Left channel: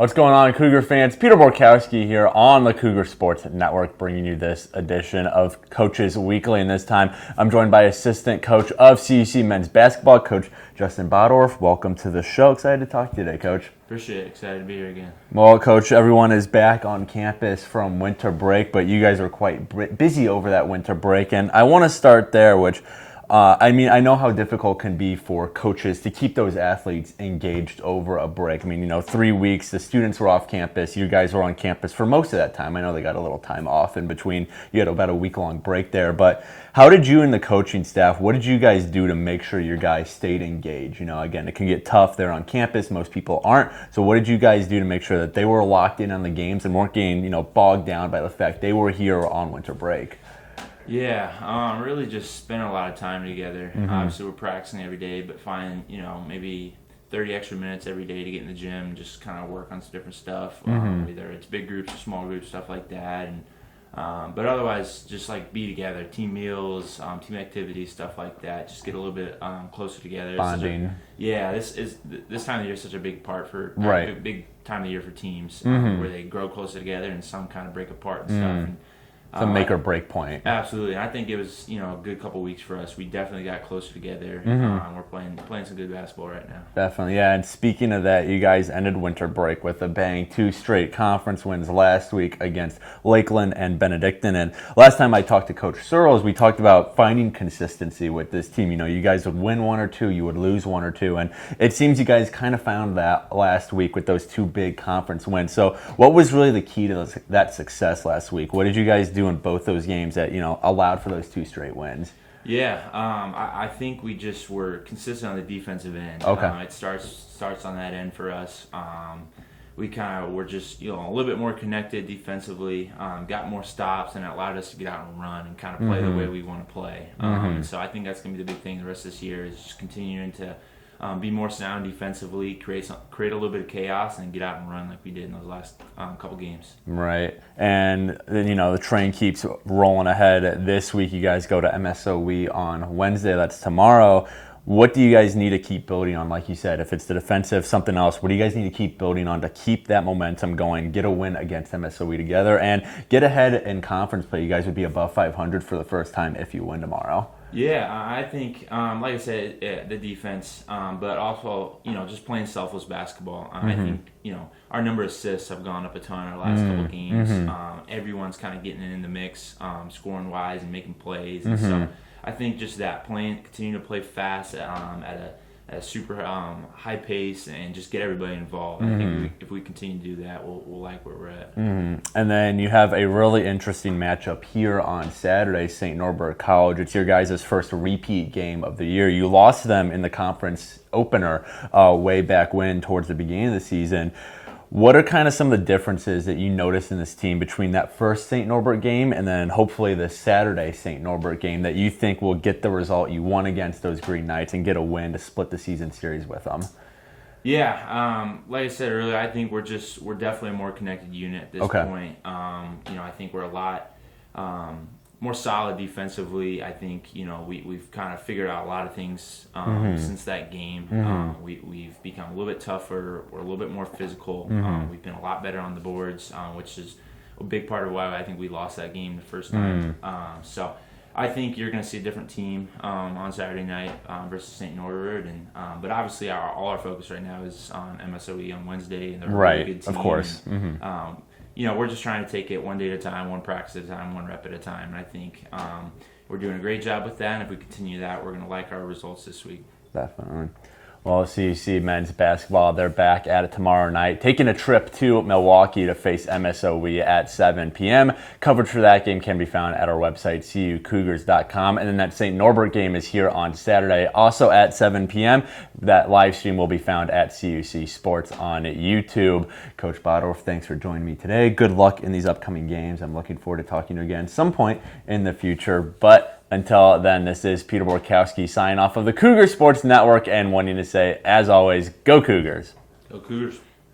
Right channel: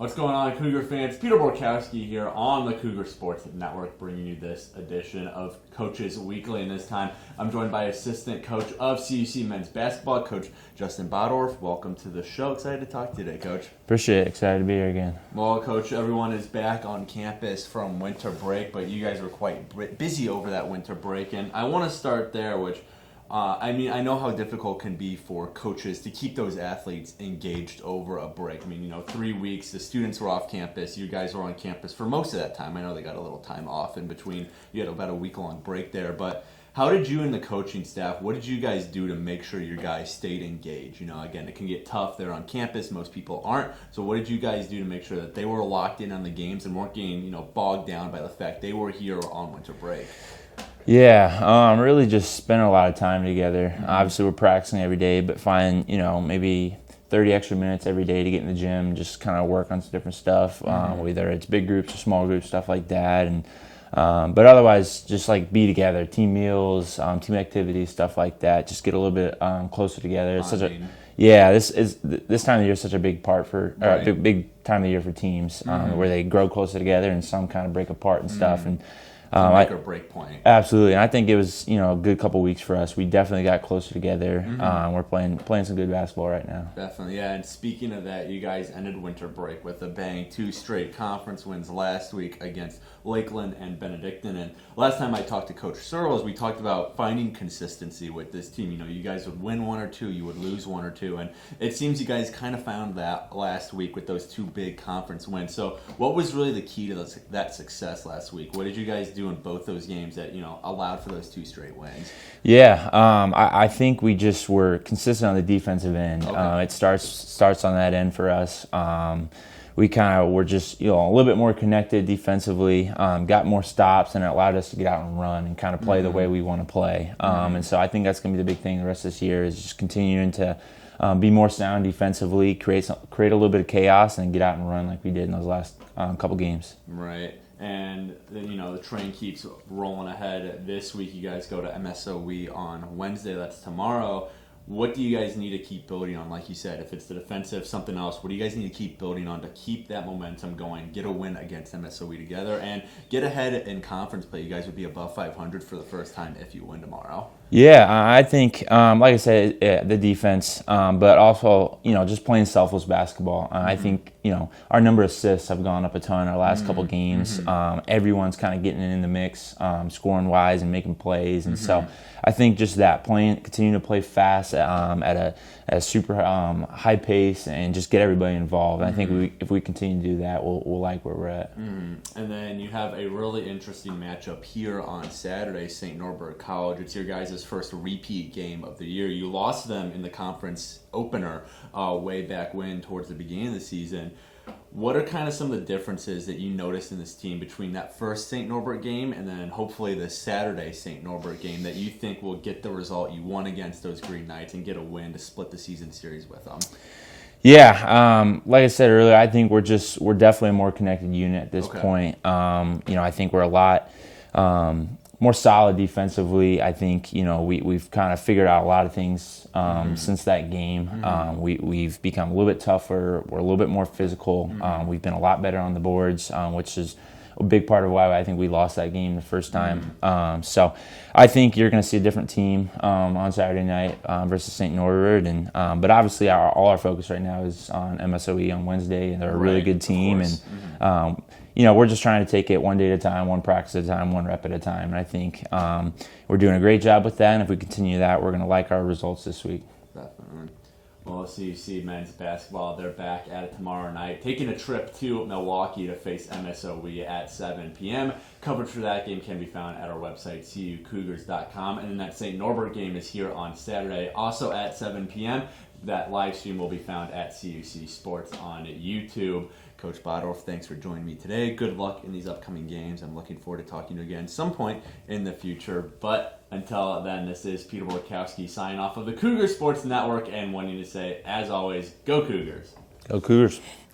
What's going on, Cougar fans? Peter Borkowski here on the Cougar Sports Network, bringing you this edition of Coaches Weekly. And this time, I'm joined by assistant coach of CUC men's basketball, Coach Coach Bottorff. Welcome to the show. Excited to talk to you today, Coach. Appreciate it. Excited to be here again. Well, Coach, everyone is back on campus from winter break, but you guys were quite busy over that winter break. And I want to start there, which I know how difficult it can be for coaches to keep those athletes engaged over a break. 3 weeks, the students were off campus. You guys were on campus for most of that time. I know they got a little time off in between. You had about a week-long break there. But how did you and the coaching staff, what did you guys do to make sure your guys stayed engaged? Again, it can get tough. They're on campus. Most people aren't. So what did you guys do to make sure that they were locked in on the games and weren't getting, bogged down by the fact they were here on winter break? Yeah, really just spending a lot of time together. Mm-hmm. Obviously, we're practicing every day, but find, maybe 30 extra minutes every day to get in the gym and just kind of work on some different stuff, whether it's big groups or small groups, stuff like that. And but otherwise, just like be together, team meals, team activities, stuff like that. Just get a little bit closer together. This time of the year is such a big part for big time of the year for teams where they grow closer together and some kind of break apart and stuff. And make or break point. Absolutely, and I think it was a good couple weeks for us. We definitely got closer together. We're playing some good basketball right now. Definitely, yeah. And speaking of that, you guys ended winter break with a bang, 2 straight conference wins last week against Lakeland and Benedictine. And last time I talked to Coach Searles, we talked about finding consistency with this team. You guys would win 1 or 2, you would lose 1 or 2, and it seems you guys kind of found that last week with those 2 big conference wins. So, what was really the key to that success last week? What did you guys do in both those games that allowed for those 2 straight wins? Yeah, I think we just were consistent on the defensive end. Okay. It starts on that end for us. We kind of were just a little bit more connected defensively, got more stops, and it allowed us to get out and run and kind of play the way we want to play. And so I think that's going to be the big thing the rest of this year is just continuing to be more sound defensively, create a little bit of chaos, and get out and run like we did in those last couple games. Right. And then, the train keeps rolling ahead. This week, you guys go to MSOE on Wednesday. That's tomorrow. What do you guys need to keep building on? Like you said, if it's the defensive, something else, what do you guys need to keep building on to keep that momentum going, get a win against MSOE together, and get ahead in conference play? You guys would be above 500 for the first time if you win tomorrow. Yeah, I think, like I said, the defense, but also, just playing selfless basketball. I think, our number of assists have gone up a ton our last couple games. Everyone's kind of getting in the mix, scoring-wise and making plays. And so I think just that, continuing to play fast at a super high pace and just get everybody involved. I think if we continue to do that, we'll like where we're at. And then you have a really interesting matchup here on Saturday, St. Norbert College. It's your guys' first repeat game of the year. You lost them in the conference opener way back when, towards the beginning of the season. What are kind of some of the differences that you noticed in this team between that first St. Norbert game and then hopefully the Saturday St. Norbert game that you think will get the result you want against those Green Knights and get a win to split the season series with them? Yeah, like I said earlier, I think we're definitely a more connected unit at this point. I think we're a lot more solid defensively. I think we've kind of figured out a lot of things since that game. We've become a little bit tougher. We're a little bit more physical. We've been a lot better on the boards, which is a big part of why I think we lost that game the first time. So I think you're going to see a different team on Saturday night versus St. Norbert, but obviously all our focus right now is on MSOE on Wednesday, and they're a really good team. Of course. And we're just trying to take it one day at a time, one practice at a time, one rep at a time. And I think we're doing a great job with that. And if we continue that, we're going to like our results this week. Definitely. Well, CUC men's basketball, they're back at it tomorrow night, taking a trip to Milwaukee to face MSOE at 7 p.m. Coverage for that game can be found at our website, cucougars.com. And then that St. Norbert game is here on Saturday, also at 7 p.m. That live stream will be found at CUC Sports on YouTube. Coach Bottorff, thanks for joining me today. Good luck in these upcoming games. I'm looking forward to talking to you again some point in the future. But until then, this is Peter Borkowski signing off of the Cougar Sports Network and wanting to say, as always, go Cougars. Go Cougars.